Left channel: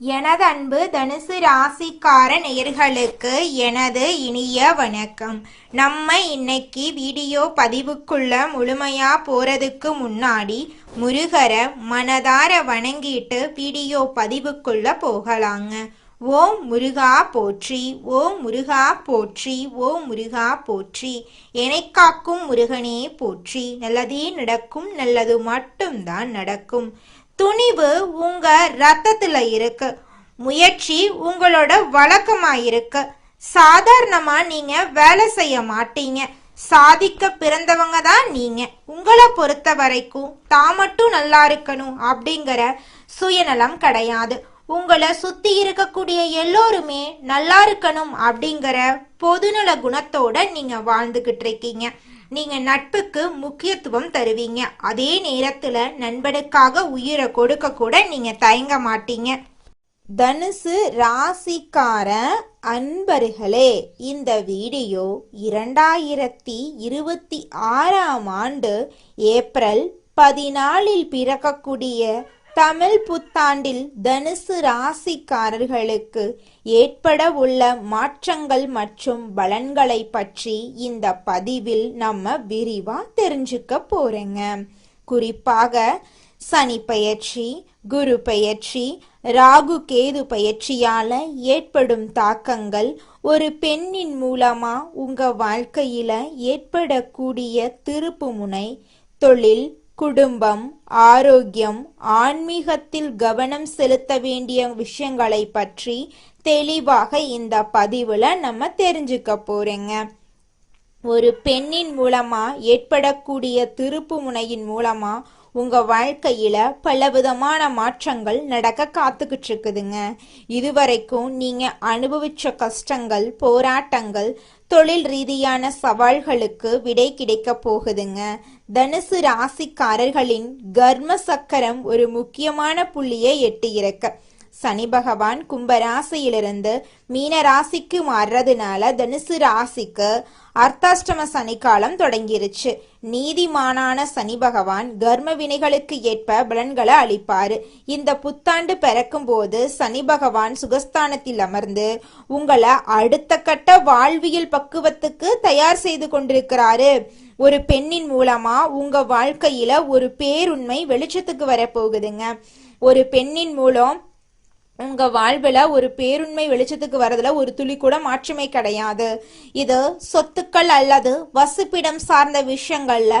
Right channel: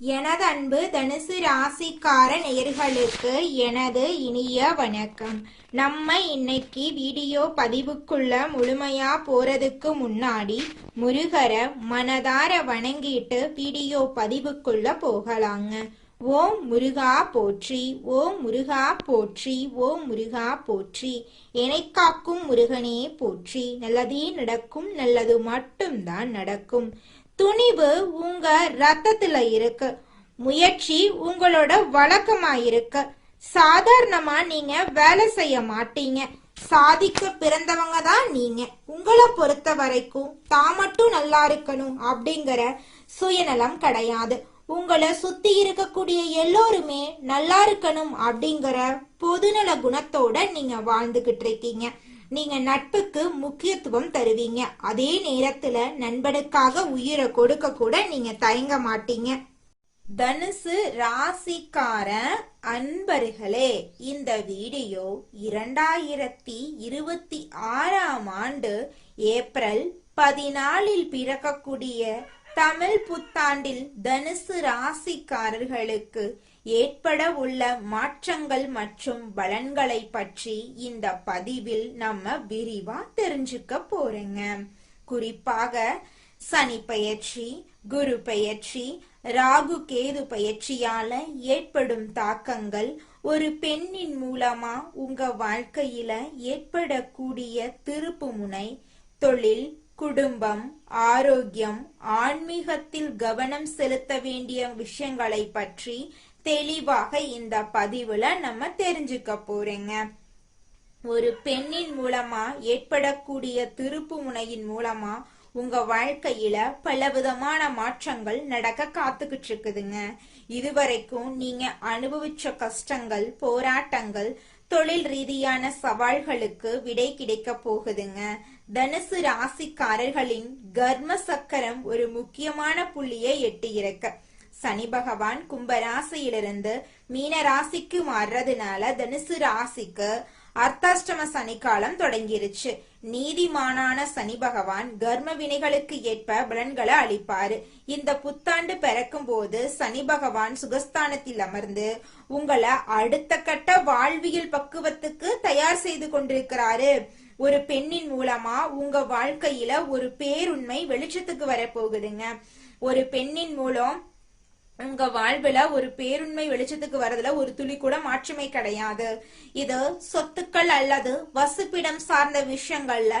எனது அன்பு தனுசு ராசிக்கார நேயர்களுக்கு எனது இனிய வணக்கம். நம்ம இன்னைக்கு வீடியோ பதிவுக்குள்ள முழுமையா போறதுக்கு முன்னாடி முருகரை மனதார வணங்கிட்டு வீடியோ பதிவுக்குள்ள போகலாங்க. ஓம் முருகா போற்றி, ஓம் முருகா போற்றி, ஓம் முருகா போற்றி. என்னை காக்கும் முருகனே போற்றி. நல்லதே நடக்கும், நல்லது மட்டும்தான் நடக்கும். துணிவு உங்க ரத்தத்துல இருக்கு. முயற்சி உங்களோட வழக்கமா இருக்கு. சாதாரணமா நீங்க வேலை செய்ய மாட்டீங்க. சாதிக்க பிறந்தவங்க தான் நீங்க. உங்களை பொறுத்த வரைக்கும் தான் மட்டும் நல்லா இருக்கணும் அப்படிங்கிற சுயநலம் கிடையாது. உங்களை சுத்தி இருக்கக்கூடிய எல்லோருமே நல்லா இருக்கணும் அப்படிங்கிற பொதுநல குணத்தோட நீங்க வாழ்ந்துகிட்டு இருக்கீங்க. நீங்க நட்புக்கு முக்கியத்துவம் தருவீங்க. அதே நேரத்துல நண்பனுக்காக உயிரை கொடுக்க கூட நீங்க தயங்க மாட்டீங்க. தனுசு ராசிக்கார அன்பர்களே, இந்த வீடியோ 2026ஆம் ஆண்டு ஏப்ரல் 14 பிறக்கக்கூடிய தமிழ் புத்தாண்டில் தனுசு ராசிக்காரர்களுக்கு ஏற்பட உள்ள மாற்றங்கள் மற்றும் பலன்களை பற்றி இந்த பதிவில் நம்ம விரிவா தெரிஞ்சுக்க போறோங்க. குறிப்பாக சனி பெயர்ச்சி, குரு பெயர்ச்சி, ராகு கேது பெயர்ச்சியால ஏற்படும் தாக்கங்கள், ஒரு பெண்ணின் மூலமா உங்க வாழ்க்கையில ஏற்படக்கூடிய திருப்பு முனை, தொழில், குடும்பம், ஆரோக்கியம், ஆன்மீகத்தில் கவனம் செலுத்த வேண்டிய விஷயங்களை பற்றி தெளிவாக இந்த பதிவுல நம்ம தெரிஞ்சுக்க போறோங்க. ஒரு பெண்ணின் மூலமா ஏற்படக்கூடிய திருப்பு முனையின் மூலமா உங்க வாழ்க்கையில பலவிதமான மாற்றங்கள் நடக்க காத்துக்கிட்டு இருக்குதுங்க. இதுவரைக்கும் நீங்க அனுபவிச்ச கஷ்டங்கள், போராட்டங்கள், தொழில் ரீதியான சவால்களுக்கு விடை கிடைக்க போகுதுங்க. தனுசு ராசிக்காரர்களின் கர்ம சக்கரம் ஒரு முக்கியமான புள்ளியை எட்டி இறக்க சனி பகவான் கும்பராசியிலிருந்து மீன ராசிக்கு மாறுறதுனால தனுசு ராசிக்கு அர்த்தாஷ்டம சனிக்காலம் தொடங்கிருச்சு. நீதிமானான சனி பகவான் கர்ம வினைகளுக்கு ஏற்ப பலன்களை அளிப்பாரு. இந்த புத்தாண்டு பிறக்கும் போது சனி பகவான் சுகஸ்தானத்தில் அமர்ந்து உங்களை அடுத்த கட்ட வாழ்வியல் பக்குவத்துக்கு தயார் செய்து கொண்டிருக்கிறாரு. ஒரு பெண்ணின் மூலமா உங்க வாழ்க்கையில ஒரு பேருண்மை வெளிச்சத்துக்கு வரப்போகுதுங்க. ஒரு பெண்ணின் மூலம் உங்க வாழ்வுல ஒரு பேருண்மை வெளிச்சத்துக்கு வரதுல ஒரு துளி கூட மாற்றமே கிடையாது. இது சொத்துக்கள் அல்லது வசிப்பிடம் சார்ந்த விஷயங்கள்ல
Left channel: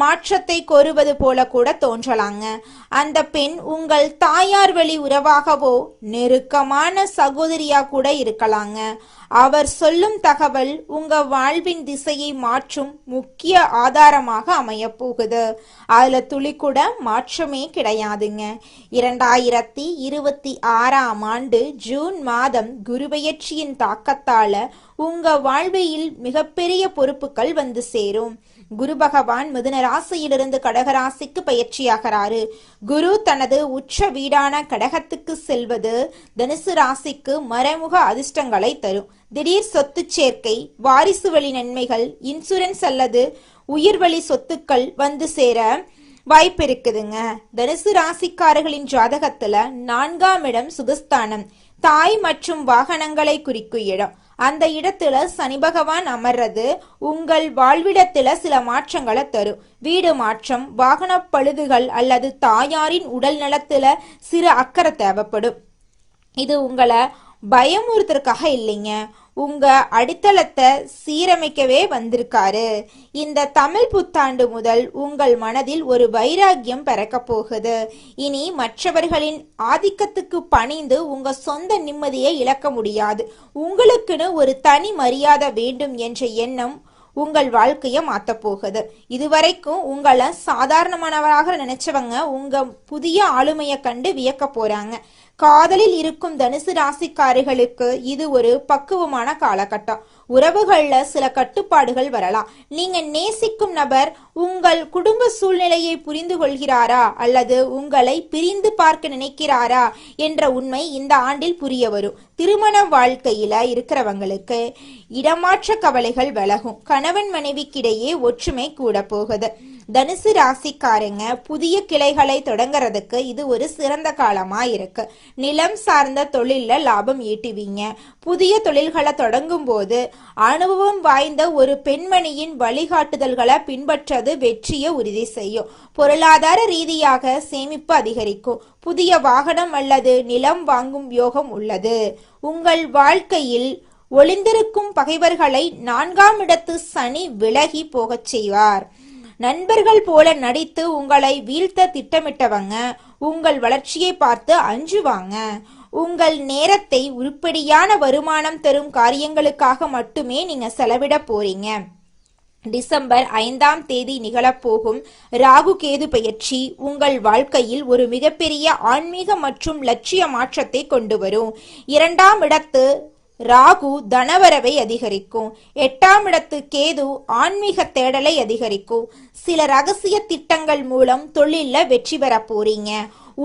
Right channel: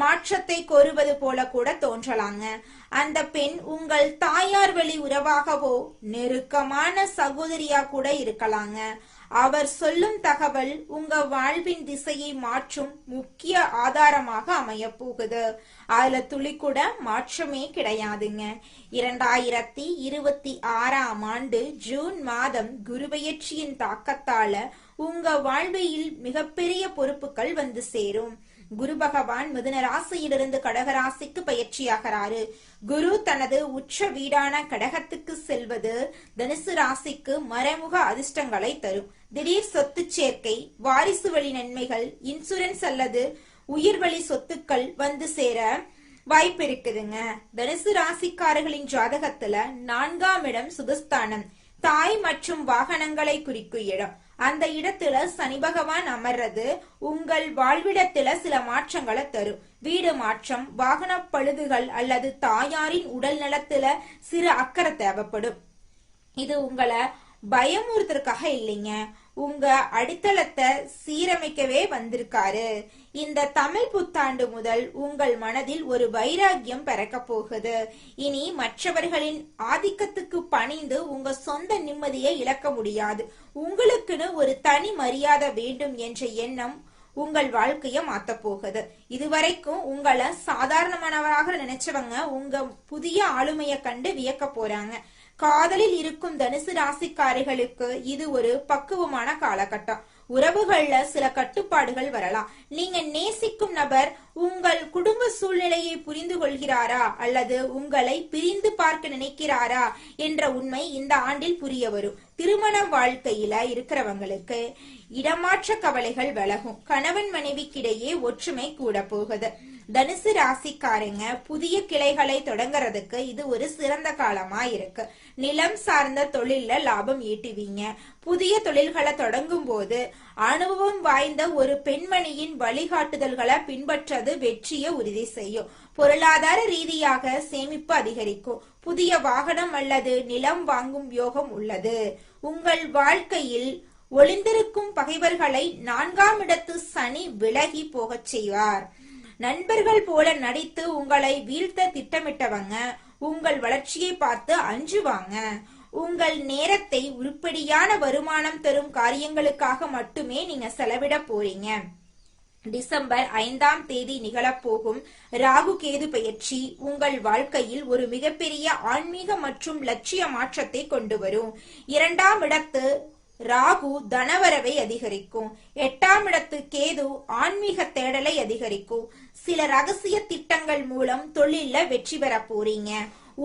மாற்றத்தை கோருவது போல கூட தோன்றலாங்க. அந்த பெண் உங்கள் தாயார் வழி உறவாகவோ நெருக்கமான சகோதரியா கூட இருக்கலாங்க. அவர் சொல்லும் தகவல் உங்க வாழ்வின் திசையை மாற்றும் முக்கிய ஆதாரமாக அமைய போகுது. அதுல துளி கூட மாற்றமே கிடையாதுங்க. 2026ஆம் ஆண்டு ஜூன் மாதம் குருபெயர்ச்சியின் தாக்கத்தால உங்க வாழ்வில் மிகப்பெரிய பொறுப்புகள் வந்து சேரும். குரு பகவான் மிதுன ராசியிலிருந்து கடகராசிக்கு பயிற்சியாகிறாரு. குரு தனது உச்ச வீடான கடகத்துக்கு செல்வது தனுசு ராசிக்கு மறைமுக அதிர்ஷ்டங்களை தரும். திடீர் சொத்து சேர்க்கை, வாரிசு வழி நன்மைகள், இன்சூரன்ஸ் அல்லது உயிர்வழி சொத்துக்கள் வந்து சேர வாய்ப்பு இருக்குதுங்க. தனுசு ராசிக்காரர்களின் ஜாதகத்துல 4ஆம் இடம் சுகஸ்தானம், தாய் மற்றும் வாகனங்களை குறிக்கும் இடம். அந்த இடத்துல சனி பகவான் அமர்றது உங்கள் வாழ்விடத்துல சில மாற்றங்களை தரும். வீடு மாற்றம், வாகன பழுதுகள் அல்லது தாயாரின் உடல் நலத்துல சிறு அக்கறை தேவைப்படும். இது உங்களை பயமுறுத்துறதுக்காக இல்லைங்க, உங்க அடித்தளத்தை சீரமைக்கவே வந்திருக்காரு. இந்த தமிழ் புத்தாண்டு முதல் உங்கள் மனதில் ஒரு வைராக்கியம் பிறக்க போகுது. இனி மற்றவர்களின் ஆதிக்கத்துக்கு பணிந்து உங்க சொந்த நிம்மதியை இழக்க முடியாது. உங்களுக்குன்னு ஒரு தனி மரியாதை வேண்டும் என்ற எண்ணம் உங்கள் வாழ்க்கைய மாத்த போகுது. இதுவரைக்கும் உங்களை சாதாரணமானவராக நினைச்சவங்க உங்க புதிய ஆளுமையை கண்டு வியக்க போறாங்க. காதலில் இருக்கும் தனுசு ராசிக்காரிகளுக்கு இது ஒரு பக்குவமான காலகட்டம். உறவுகள்ல சில கட்டுப்பாடுகள் வரலாம். நீங்க நேசிக்கும் நபர் உங்கள் குடும்ப சூழ்நிலையை புரிந்து கொள்கிறாரா அல்லது உங்களை பிரிந்து பார்க்க நினைக்கிறாரா என்ற உண்மை இந்த ஆண்டில் புரிய வரும். திருமண வாழ்க்கையில இருக்கிறவங்களுக்கு இடமாற்ற கவலைகள் விலகும். கணவன் மனைவிக்கிடையே ஒற்றுமை கூட போகுது. தனுசு ராசிக்காரங்க புதிய கிளைகளை தொடங்குறதுக்கு இது ஒரு சிறந்த காலமா இருக்கு. நிலம் சார்ந்த தொழில்ல லாபம் ஈட்டுவீங்க. புதிய தொழில்களை தொடங்கும் போது அனுபவம் வாய்ந்த ஒரு பெண்மணியின் வழிகாட்டுதல்களை பின்பற்றது வெற்றியை உறுதி செய்யும். பொருளாதார ரீதியாக சேமிப்பு அதிகரிக்கும். புதிய வாகனம் அல்லது நிலம் வாங்கும் யோகம் உள்ளது. உங்கள் வாழ்க்கையில் ஒளிந்திருக்கும் பகைவர்களை 4ஆம் இடத்து சனி விலகி போகச் செய்வார். நண்பர்கள் போல நடித்து உங்களை வீழ்த்த திட்டமிட்டவங்க உங்கள் வளர்ச்சியை பார்த்து அஞ்சுவாங்க. உங்கள் நேரத்தை உருப்படியான வருமானம் தரும் காரியங்களுக்காக மட்டுமே நீங்க செலவிட போறீங்க. டிசம்பர் 5ஆம் தேதி நிகழப்போகும் ராகு கேது பெயர்ச்சி உங்கள் வாழ்க்கையில் ஒரு மிகப்பெரிய ஆன்மீக மற்றும் லட்சிய மாற்றத்தை கொண்டு வரும். 2ஆம் இடத்து ராகு தனவரவை அதிகரிக்கும். 8ஆம் இடத்து கேது ஆன்மீக தேடலை அதிகரிக்கும். சில ரகசிய திட்டங்கள் மூலம் தொழில வெற்றி பெற போறீங்க.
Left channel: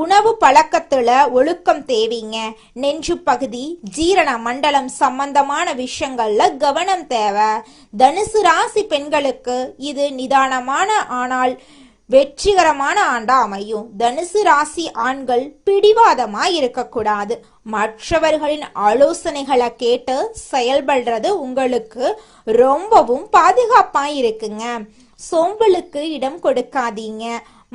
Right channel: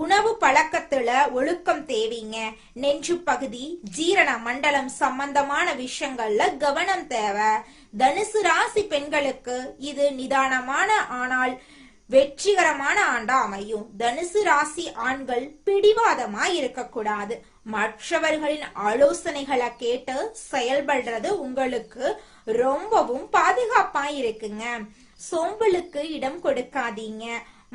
உணவு பழக்கத்துல ஒழுக்கம் தேவைங்க. நெஞ்சு பகுதி ஜீரண மண்டலம் சம்பந்தமான விஷயங்கள்ல கவனம் தேவை. தனுசு ராசி பெண்களுக்கு இது நிதானமான ஆனால் வெற்றிகரமான ஆண்டா அமையும். தனுசு ராசி ஆண்கள் பிடிவாதமா இருக்கக்கூடாது. மற்றவர்களின் ஆலோசனைகளை கேட்டு செயல்படுறது உங்களுக்கு ரொம்பவும் பாதுகாப்பா இருக்குங்க. சோம்பலுக்கு இடம் கொடுக்காதீங்க.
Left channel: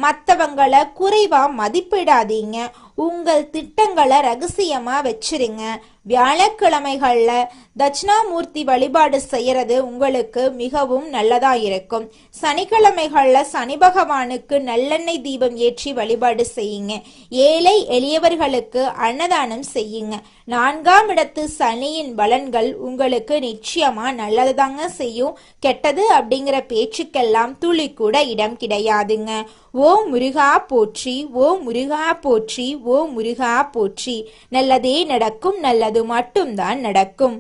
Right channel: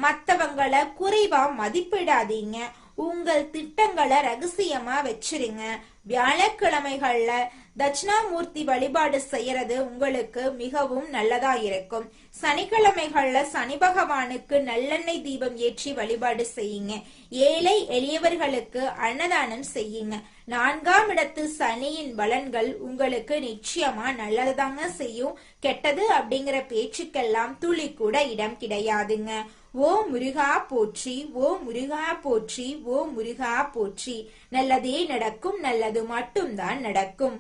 மற்றவங்களை குறைவா மதிப்பிடாதீங்க. உங்கள் திட்டங்களை ரகசியமா வச்சிருங்க. வியாழக்கிழமைகள்ல தட்சிணாமூர்த்தி வழிபாடு செய்யறது உங்களுக்கு மிகவும் நல்லதா இருக்கும். சனிக்கிழமைகள்ல சனி பகவானுக்கு நல்லெண்ணெய் தீபம் ஏற்றி வழிபாடு செய்யுங்க. ஏழை எளியவர்களுக்கு அன்னதானம் செய்யுங்க. 4ஆம் இடத்து சனியின் பலன்கள் உங்களுக்கு நிச்சயமா நல்லதுதாங்க செய்யும். கெட்டது அப்படிங்கிற பேச்சுக்கெல்லாம் துளி கூட இடம் கிடையாதுங்க. ஓ முருகா போற்றி, ஓ முருகா போற்றி, ஓ முருகா போற்றி. நல்லதே நடக்கும், நல்லது மட்டும்தான் நடக்கும்.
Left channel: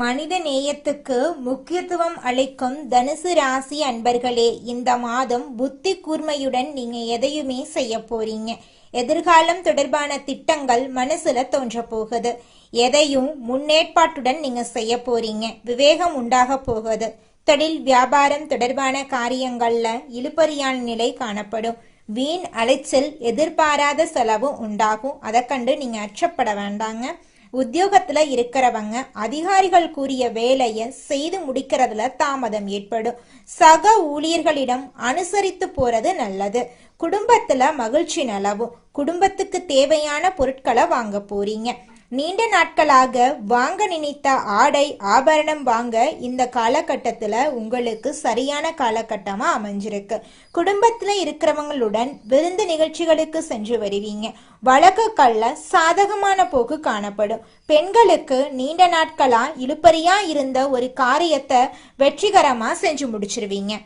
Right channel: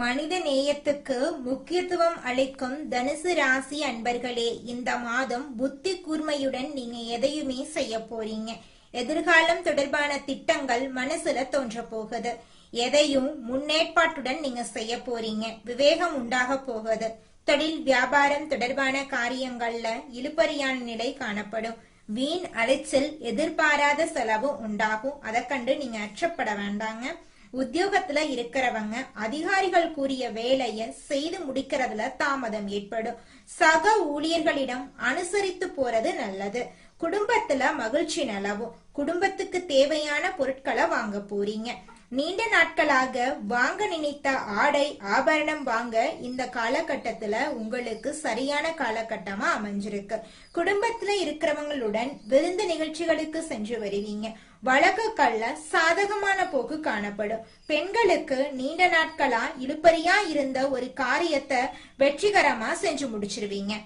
மனித நேயத்துக்கு முக்கியத்துவம் அளிக்கும் தனுசு ராசி அன்பர்களே, இந்த மாதம் புத்தி கூர்மையுடன் நீங்க எதையுமே செய்ய போறீங்க. எதிர்காலம் தொடர்பான திட்டங்கள் மனசுல தோன்ற போகுது. எதையும் முன்னேற்பாட்டுடன் நீங்க செய்ய போறீங்க. விவேகம் உண்டாக போகுது. தொழில் வியாபாரம் தொடர்பான காரியங்கள்ல இழுபறியான நிலை காணப்படும். வீண் அலைச்சல், எதிர்பாராத செலவு உண்டாகும். அதை கண்டு நீங்க அச்சப்பட வேண்டாங்க. உத்தியோகத்துல இருக்கிறவங்க அதிகாரிகள் கூறிய வேலையை செய்து முடிக்கிறதுல தாமதம் ஏற்படும். சக ஊழியர்களிடம் அனுசரித்து போறது நல்லது. குடும்பத்துல மகிழ்ச்சி நிலவும். குடும்பத்துக்கு தேவையான பொருட்களை வாங்க போறீங்க. நீண்ட நாட்களாக வாங்க நினைத்த ஆடை ஆபரணம் வாங்க இந்த காலகட்டத்துல உங்களுக்கு சரியான காலகட்டமா அமைஞ்சிருக்கு. குடும்பத்துல இருக்கிறவங்களுடன் விருந்து நிகழ்ச்சிகளுக்கு சென்று வருவீங்க. வழக்குகள்ல சாதகமான போக்கு காணப்படும். பெண்களுக்கு நீண்ட நாட்களா இழுபறியா இருந்த ஒரு காரியத்தை வெற்றிகரமா செஞ்சு முடிச்சிருவீங்க.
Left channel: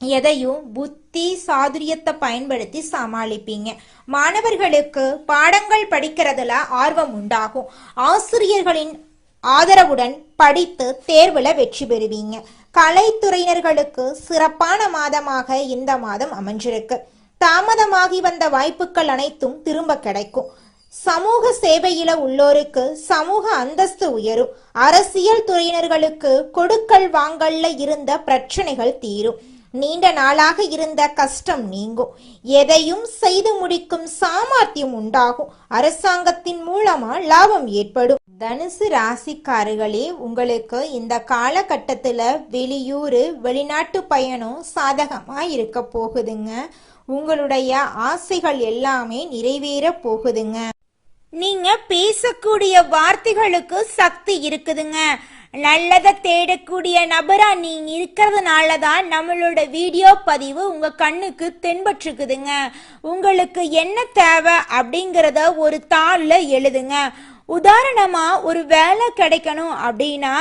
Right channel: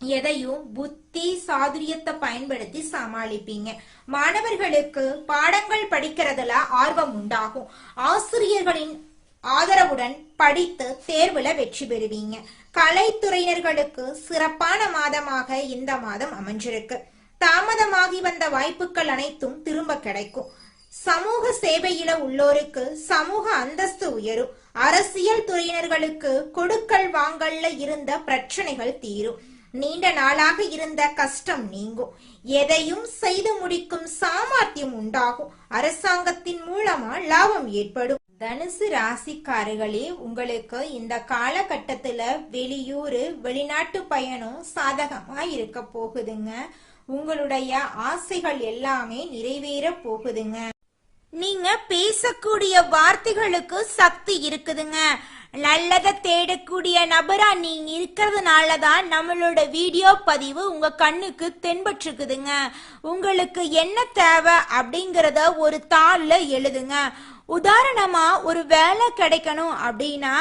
எதையும் புத்தி சாதுரியத்தை பயன்படுத்தி சமாளிப்பீங்க. மாணவர்களுக்கு பாடங்கள் படிக்கிறதுல ஆர்வம் உண்டாகும். ஆசிரியர்களின் ஆதரவுடன் படித்து தேர்வுல வெற்றி பெறுவீங்க. கலைத்துறையினர்களுக்கு சிறப்பான மாதமாக இந்த மாதம் அமைஞ்சிருக்கு. தாமதமாகி வந்த வாய்ப்புகள் அனைத்தும் திரும்ப கிடைக்கும். சமூக சேவையில உள்ளோருக்கு சமூக அந்தஸ்து உயரும். அரசியல் துறையினர்களுக்கு கொடுக்கல் வாங்கல்ல இருந்த பிரச்சனைகள் தீரும். நீண்ட நாளாக இருந்த கஷ்டம் நீங்கும். எதையும் செய்து முடிக்கும் சாமர்த்தியம் உண்டாகும். அரசாங்கத்தின் மூலமா லாபம் ஏற்படும். தனுசு ராசிக்காரர்களே, உங்களுக்கு இந்த காலகட்டத்துல வெளியூர் வெளிநாட்டு பயணம் சாதகமா இருக்க போகுதுங்க. உங்களுடைய ஆசைகள் எல்லாமே நிறைவேற போகுதுங்க. நீங்க பேசக்கூடிய வார்த்தைகளுக்கு சக்தி இருக்குதுங்க. நல்லதை தேடக்கூடிய நபரா நீங்க இருக்கிறதுனாலதான் நம்மளோட வீடியோ பதிவு உங்க கண்ணுக்கு தென்பற்றுக்குதுங்க. உங்களுக்கு என்ன தேவை அப்படிங்கறத ஒரு தாள்ல எழுதுங்க. உதாரணமா ஒரு வேலை கிடைக்கணும் அப்படின்னா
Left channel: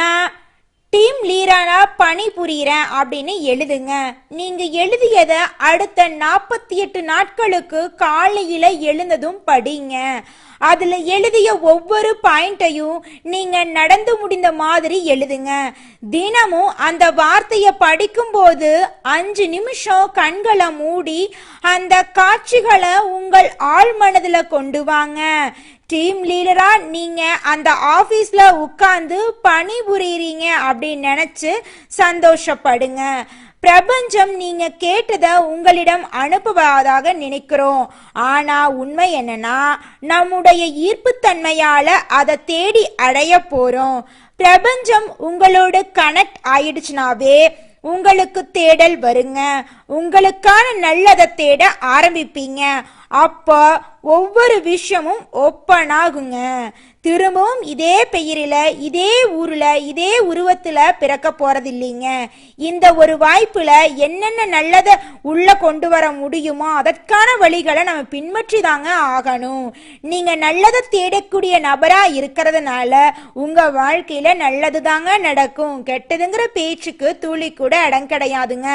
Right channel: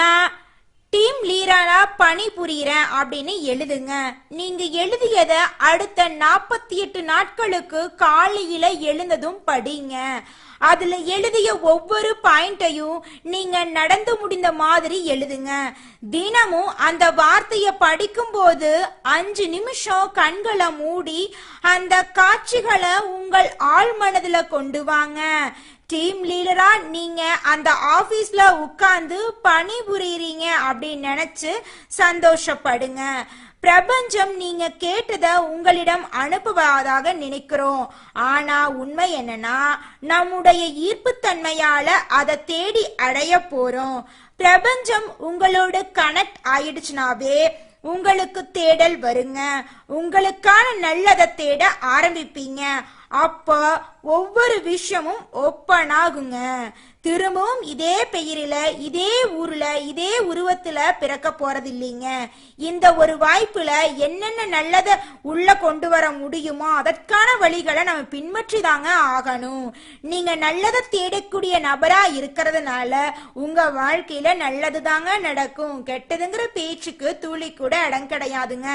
நான் டீம் லீடரா பணி புரிகிறேன் அப்படின்னு எழுதுங்க. நீங்க எழுதியத அடுத்த 48 நாட்களுக்கு காலையில எழுந்ததும் படிங்க. அதுல எழுதிய ஒவ்வொரு பாயிண்டையும் நீங்க நடந்து முடிந்த மாதிரி எழுதுங்க. தினமும் அந்த வார்த்தையை படிக்கும் போது 5 நிமிஷம் கண்களை மூடி அந்த காட்சிகளை உங்கள் ஆழ் மனதுல கொண்டு வாங்க. டீம் லீடரா நீங்க அந்த ஆபீஸ்ல உட்கார்ந்து பணி புரியுறீங்க அப்படின்னு நினைச்சு சந்தோஷப்படுங்க. பிரபஞ்சம் நீங்க கேட்டத உங்களிடம் அனுப்புவதாக நினைக்கிறோம். ஆனா உண்மை என்னன்னா நம்முடைய ஈர்ப்புத்தன்மையால அதை தேடி அடைய போறோம். பிரபஞ்சம் உங்களோட கனெக்ட் ஆயிடுச்சுனாவே உங்களுக்கு தேடல் வருங்க. உங்களுக்கான நல்லதை தேட ஆரம்பிப்பீங்க. அப்ப ஒவ்வொரு விஷயமும் ஓப்பன் ஆகுங்க. திரும்பவும் இதே பெயரில இதே ஊர்ல இதே உருவத்துல பிறக்க போறது இல்லைங்க. இந்த ஒரு வாய்ப்புல என்னென்ன நல்லதை உள்ள கொண்டு வர முடியுமோ அதற்கான வழிகளை நம்ம பின்பற்றி தாங்க ஆகணும். நீங்க நல்லதை தேடக்கூடிய நபரா இருக்கிறதுனால உங்க வாழ்க்கையில நல்லது தாங்க நடக்கும். கெட்டதுங்கிற பேச்சுக்கு துளி கூட இடம் கிடையாதுங்க.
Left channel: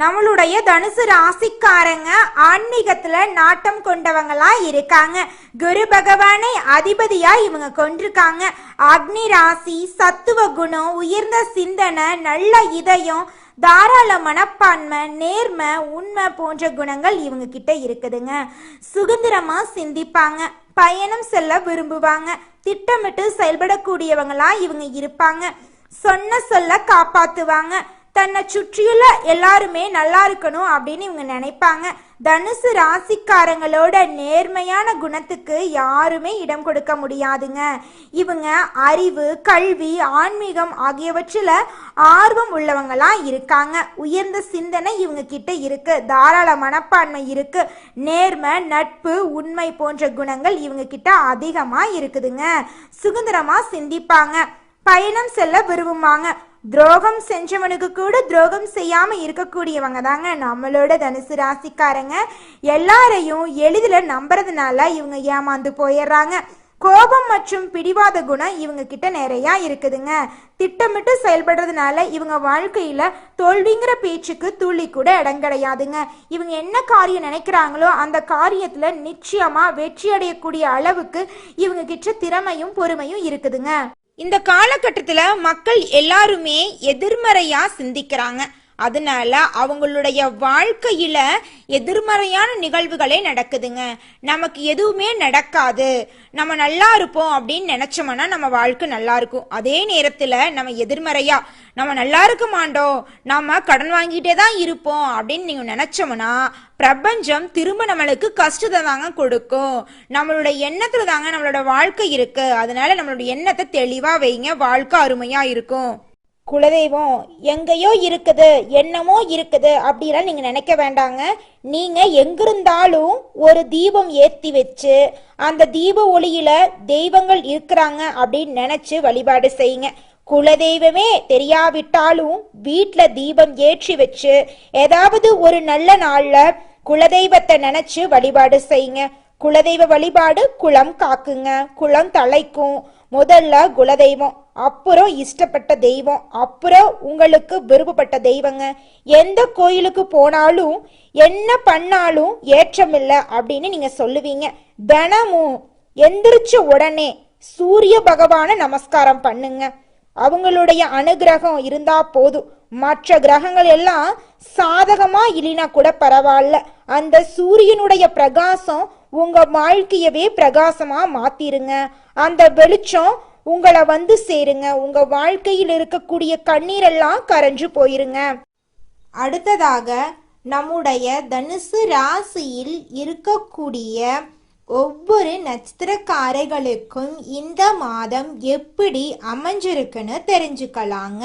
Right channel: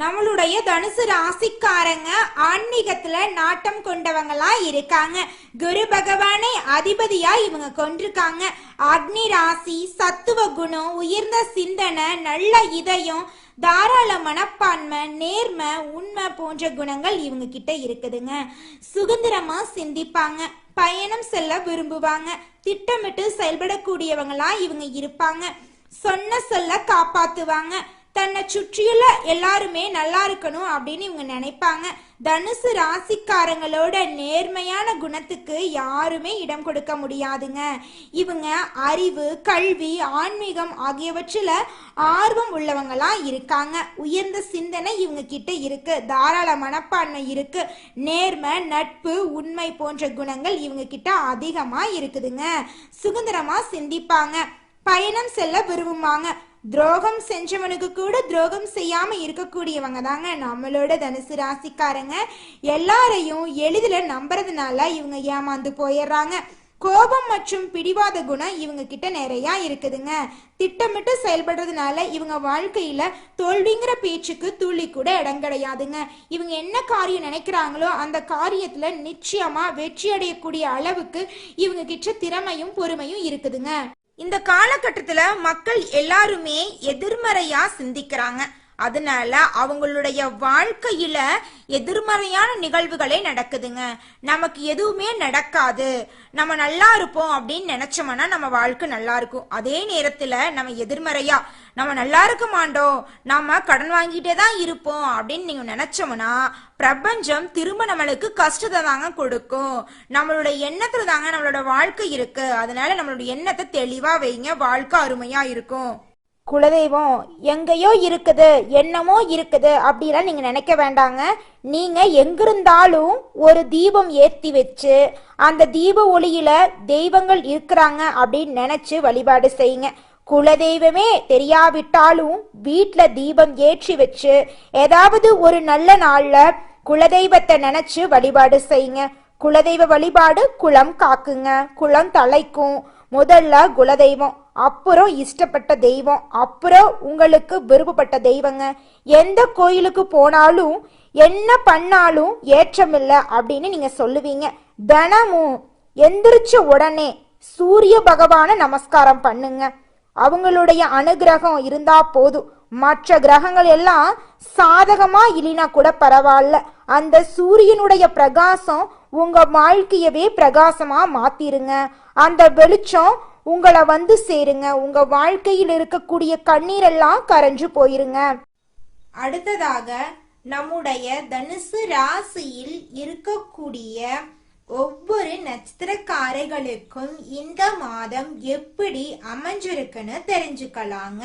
நம்மளுடைய தனுசு ராசிக்காரங்க ஆன்மீகத்துல நாட்டம் கொண்டவங்களா இருக்காங்க. குரு பகவானை அதிபதியா இவங்க கொண்டிருக்காங்க. அக்னி ராசி, சத்துவ குணம், உயர்ந்த சிந்தனை, நல்ல இதயம், தாராள மனப்பான்மை, நேர்மை, உண்மை போன்ற குணங்கள் இவங்க கிட்ட இருக்குதுங்க. சுதந்திரமா சிந்திப்பாங்க. பயணம் செல்ல விரும்புவாங்க. திட்டமிட்டு செயல்படக்கூடியவங்களா இவங்க இருப்பாங்க. சொன்ன சொல்ல காப்பாத்துவாங்க. தன்னை சுற்றியுள்ள எல்லாருமே நல்லா இருக்கணும் அப்படின்னு இவங்க நினைப்பாங்க. தனுசு ராசிக்காரங்களோட நேர்மையான குணத்துக்கு யாருமே இடம் கொடுக்க முடியாதுங்க. இவங்க அறிவு, கல்வி, ஆன்மீகம் ஆகியவற்றில் ஆர்வம் உள்ளவங்களா இருக்காங்க. உயர்ந்த சிந்தனை இவங்க கிட்ட இருக்கு. தாராள மனப்பான்மை இருக்கு. நேர்மை, நட்பு, உண்மை போன்ற குணங்கள் இவங்க கிட்ட அதிகமா இருக்குதுங்க. சுதந்திரமா சிந்திப்பாங்க. பயணம் செல்ல விரும்புவாங்க. துரோகம் செஞ்சவனுக்கு கூட துரோகம் செய்யாம இருக்கக்கூடியவங்க தாங்க நம்மளோட தனுசு ராசிக்காரங்க. எல்லாரையும் எளிதில் நம்புறதுனால இவங்க ஏமாந்து போயிடுறாங்க. கோபம் மற்றும் பிடிவாத குணம் இவங்க கிட்ட நிறைய இருக்குதுங்க. திட்டமிட்டு செயல்படுறதுனால இவங்க வாழ்க்கையில தோல்விங்கிற பேச்சுக்கு துளி கூட இடம் கிடையாதுங்க. இவங்க என்ன காரியம் நினைக்கிறாங்களோ அந்த காரியத்துல நிச்சயமா வெற்றி அடையக்கூடிய அளவுக்கு இவங்க கிட்ட திறமையும் பொறுமையும் இருக்குதுங்க. இந்த காலகட்டத்துல மக்கள் எல்லாருமே எதிர்மறையா சிந்திக்கிறாங்க. அதனால அவங்களுடைய வாழ்க்கையில எதிர்மறையான நிகழ்வுகளே நடக்குதுங்க. நமக்கு எதுவுமே நடக்காது, நம்ம நல்லா இருப்போம் அப்படின்னு நினைச்சோம்னா நம்ம வாழ்க்கை நல்லா இருக்கும். அதே நேரத்துல நம்ம எதிர்மறையா நம்ம நல்லா இருக்க மாட்டோம், நம்ம கடன் வாங்கிட்டே தான் இருப்போம் அப்படின்னு நீங்க நினைச்சோம்னா பிரபஞ்சம் திரும்ப நம்மளுக்கு கஷ்டத்தை தாங்க கொடுக்கும். நம்மளோட எண்ணத்துல தாங்க நம்மளோட வாழ்க்கை இருக்கு. அதனால நம்மளோட எண்ணத்தை தெளிவா வைங்க, வாழ்க்கை அருமையா இருக்கும். குலதெய்வம் எங்கேயோ இருக்குது, என்னமோ இருக்குது அப்படிலாம் நீங்க நினைக்க வேண்டாங்க. நீங்க எங்கிருந்தாலும் ஒரு தீபம் ஏற்றி வச்சு அந்த தீப ஒளியில தெய்வங்கள் இருக்கிறாங்க அப்படின்னு நினைச்சு வழிபாடு செய்யுங்க. குலதெய்வமே தெரியாவிட்டாலும் வீட்டுல தீபம் ஏற்றி வச்சு ஏதாவது ஒரு நல்ல நாள்ல குலதெய்வத்தை நினைச்சு வழிபாடு செய்யுங்க. குலதெய்வ வழிபாடு குலம் காக்குங்க, குலம் தலைக்கும். முதல்ல குலதெய்வம், அப்புறம் இஷ்டப்பட்ட தெய்வம், அப்புறம் உங்களுக்கு விருப்பப்பட்ட தெய்வங்க. எந்த கோயிலுக்கு போனாலும் என்ன பண்ணாலும் ஏற்றமில்லை அப்படின்னு நீங்க சொல்லுவீங்க. தினமும் எந்திரிச்ச உடனே சூரிய பகவான நமஸ்காரம் பண்ணுங்க. அவங்களுடைய அனுகிரகம் இருந்தா போதும். மற்ற கிரகங்கள் எல்லாம் சாதகமா இல்லைனா கூட பரவாயில்ல, அந்த சூரியனுடைய பிரகாசம் உங்க வாழ்க்கையவே பிரகாசமா மாத்திருங்க. அந்த வெளிச்சம் உங்களை வந்து சேருங்க. உங்க வாழ்க்கையில் இருக்கக்கூடிய கண்ணீரெல்லாம் கரைஞ்சு போயிருங்க. அடுத்ததாக நம்முடைய தனுசு ராசியில் இருக்கக்கூடிய ஒவ்வொரு நட்சத்திரக்காரர்களுக்கும் இந்த மாதம் எப்படி அமைஞ்சிருக்குன்னு தெரிஞ்சுக்கலாங்க.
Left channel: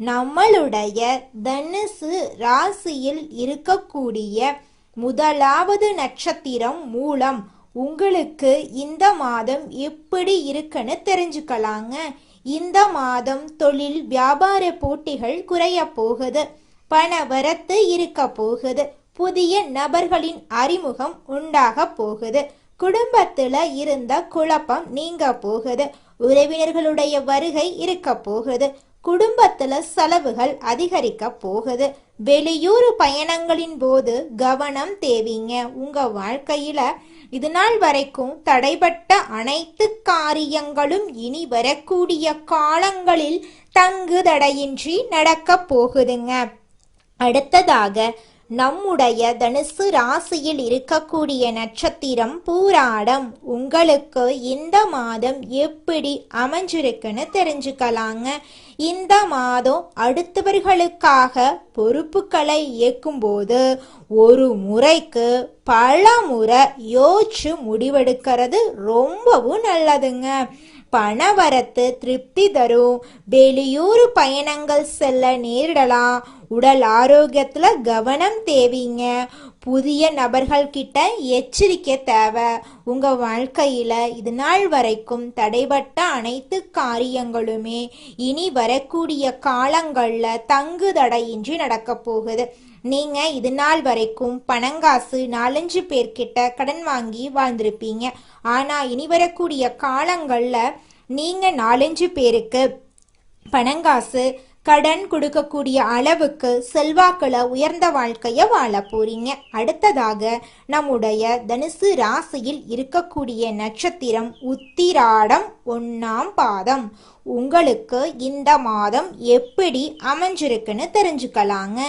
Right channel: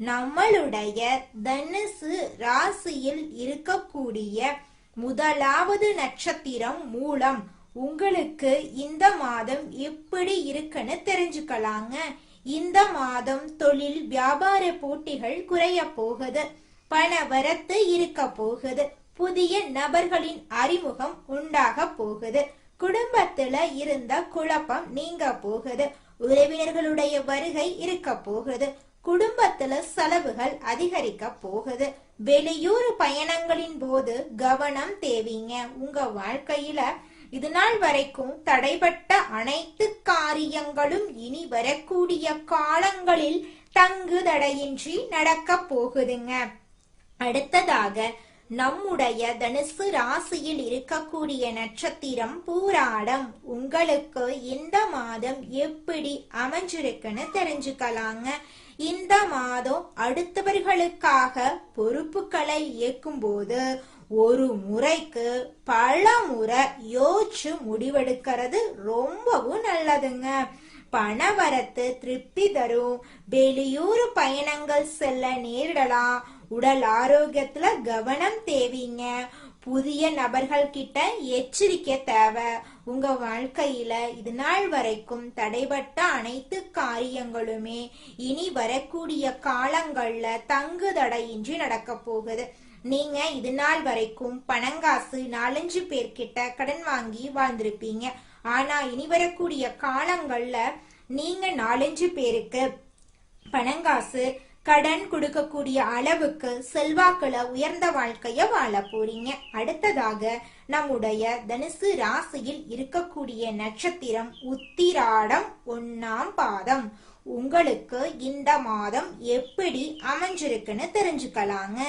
நம்மளுடைய தனுசு ராசியில் இருக்கக்கூடிய முதலாவது நட்சத்திரம் மூலம் உங்களுக்கு இந்த மாதம் எப்படி இருக்குன்னு தெரிஞ்சுக்கலாங்க. இந்த மாதம் தொழில் வியாபார போட்டிகள் குறைய போகுது. பண வரத்து இருக்க போகுது. புதிய நபர்களின் அறிமுகம் உண்டாக போகுது. குடும்பத்துல இருந்த குழப்பம் நீங்க போகுது. உறவினர்களுடைய வருகை இருக்க போகுது. குடும்பத்துல செலவுகள் அதிகரிக்க போகுது. வெளியூர் பயணங்களின் போது கவனம் தேவைங்க. உங்க வாழ்க்கையில இது நாள் வரைக்கும் தடைபட்ட அனைத்து காரியங்களும் இனி வரக்கூடிய காலங்களில் தங்கு தடையின்றி நடக்க போகுதுங்க. அடுத்ததாக நம்முடைய தனுசு ராசியில் இருக்கக்கூடிய நட்சத்திரம் பூராடம். உங்களுக்கு இந்த மாதம் எப்படி அமைஞ்சிருக்குன்னு தெரிஞ்சுக்கலாங்க. இந்த மாதம் அடுத்தவர்களுக்காக பொறுப்புகளை இயக்கும்போது ஒரு முறைக்கு பல முறை யோசிச்சு முடிவெடுக்கிறது ரொம்பவும் நல்லதுங்க. பணவரத்து திருப்தி தரும். வெளியூர் பயணங்கள் செல்ல நேரிடலாம். உடல் ஆரோக்கியத்துல கவனம் தேவைங்க. புதிய நபர்கள் கிட்ட எச்சரிக்கை தேவை. உங்க வாழ்க்கையில இது நாள் வரைக்கும் தடைபட்ட அனைத்து காரியங்களுமே இனி வரக்கூடிய காலங்கள்ல தங்கு தடையின்றி நடக்க போகுது. நீங்க இது நாள் வரைக்கும் பணங்காசு 4-5 பேர்கிட்ட கடன் வாங்கி வாழ்ந்திருப்பீங்க. ஆனா இனி வரக்கூடிய காலங்கள்ல நீங்க 4-5 பேருக்கு பணங்காசு கடன் கொடுக்கக்கூடிய அளவுக்கு செல்வாக்குல உயர்ந்த வாழ்க்கைய வாழ போறீங்க. அடுத்ததாக நம்முடைய தனுசு ராசியில் இருக்கக்கூடிய நட்சத்திரம் உத்திராடம் 1ஆம் பாதம். உங்களுக்கு இந்த மாதம் எப்படி அமைஞ்சிருக்குன்னு தெரிஞ்சுக்கலாங்க.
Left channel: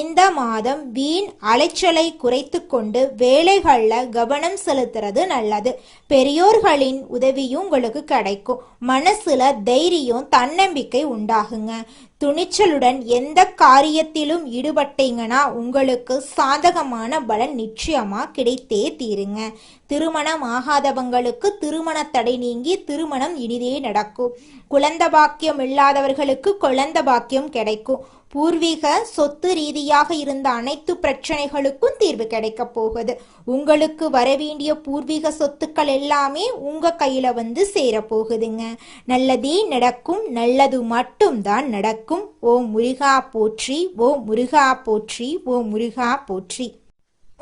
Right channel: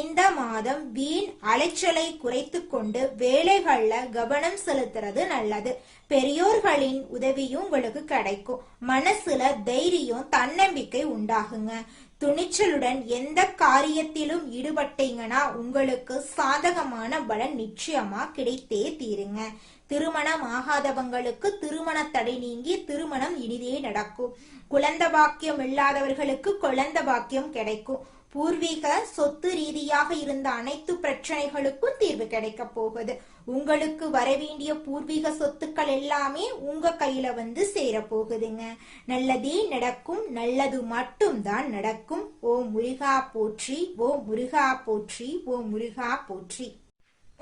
இந்த மாதம் வீண் அலைச்சலை குறைத்து கொண்டு வேலைகள்ல கவனம் செலுத்துறது நல்லது. பெரியோர்களின் உதவியும் உங்களுக்கு கிடைக்கும். மனசுல தைரியம் தன்னம்பிக்கை உண்டாகுங்க. துணிச்சலுடன் எந்த காரியத்திலும் ஈடுபட்டீங்கன்னா உங்களுக்கு சாதகமான பலன் நிச்சயமா கிடைத்தே தீருங்க. திருமணம் ஆகாதவங்களுக்கு திருமண தடை நீங்கி திருமணம் இனிதே நடக்கும். குழந்தை பாக்கியம் இல்லாதவர்களுக்கு குழந்தை பாக்கியம் கிடைக்கும். பூர்வீக சொத்து ரீதியாக இருந்த அனைத்து பிரச்சனைகளுக்கும் தீர்வு கிடைக்க போகுது. உங்களுக்கு வரவேண்டிய பூர்வீக சொத்துக்கள் எல்லாமே உங்க கையில வந்து சேர போகுதுங்க. நல்லதே நடக்கும். நல்லது மட்டும்தான் நடக்கும். ஓம் முருகா போற்றி, ஓம் முருகா போற்றி, ஓம் முருகா போற்றி.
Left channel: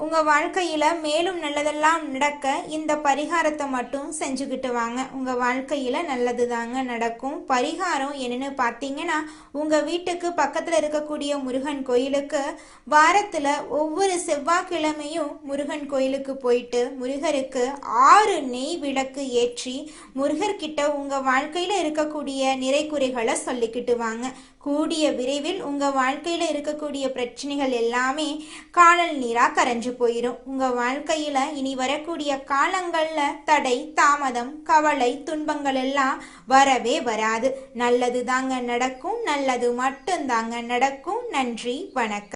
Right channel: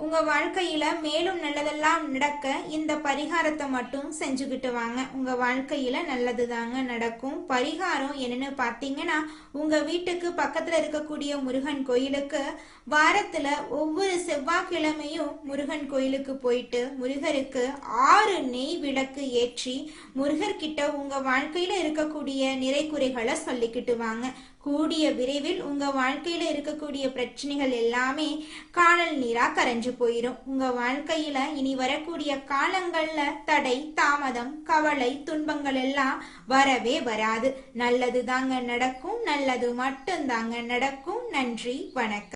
உங்க வாழ்க்கையில மேலும் நல்லதெல்லாம் நடக்க இந்த பரிகாரத்தை மட்டும் செஞ்சுக்கிட்டு வாங்க. உங்க வாழ்க்கையில நல்லது தாங்க நடக்கும். பரிகாரம் என்னன்னு பார்த்தீங்கன்னா, உங்க வீட்டுக்கு பக்கத்துல இருக்கக்கூடிய முருகன் கோயிலுக்கு வாரத்துல ஒவ்வொரு செவ்வாய்க்கிழமையும் முருகன் கோயிலுக்கு போயிட்டு முருகருக்கு 6 நெய் விளக்கு ஏற்றி முருகர்கிட்ட உங்க வாழ்க்கையில இருக்கக்கூடிய நிறைக்குறைகளை சொல்லிக்கிட்டு வாங்க. கூடிய விரைவில் உங்க வாழ்க்கையில இருக்கக்கூடிய பிரச்சனைகள் எல்லாமே காணல் நீரா கரைஞ்சு போயிடும். உங்க வாழ்க்கையில இனி வரக்கூடிய காலங்கள்ல தடை, தாமதம், கவலை, துன்பங்கள் எல்லாம் வரவே வராது. நல்லது தாங்க நடக்கும். நல்லது மட்டும் தாங்க நடக்கும். நன்றி, வணக்கம்.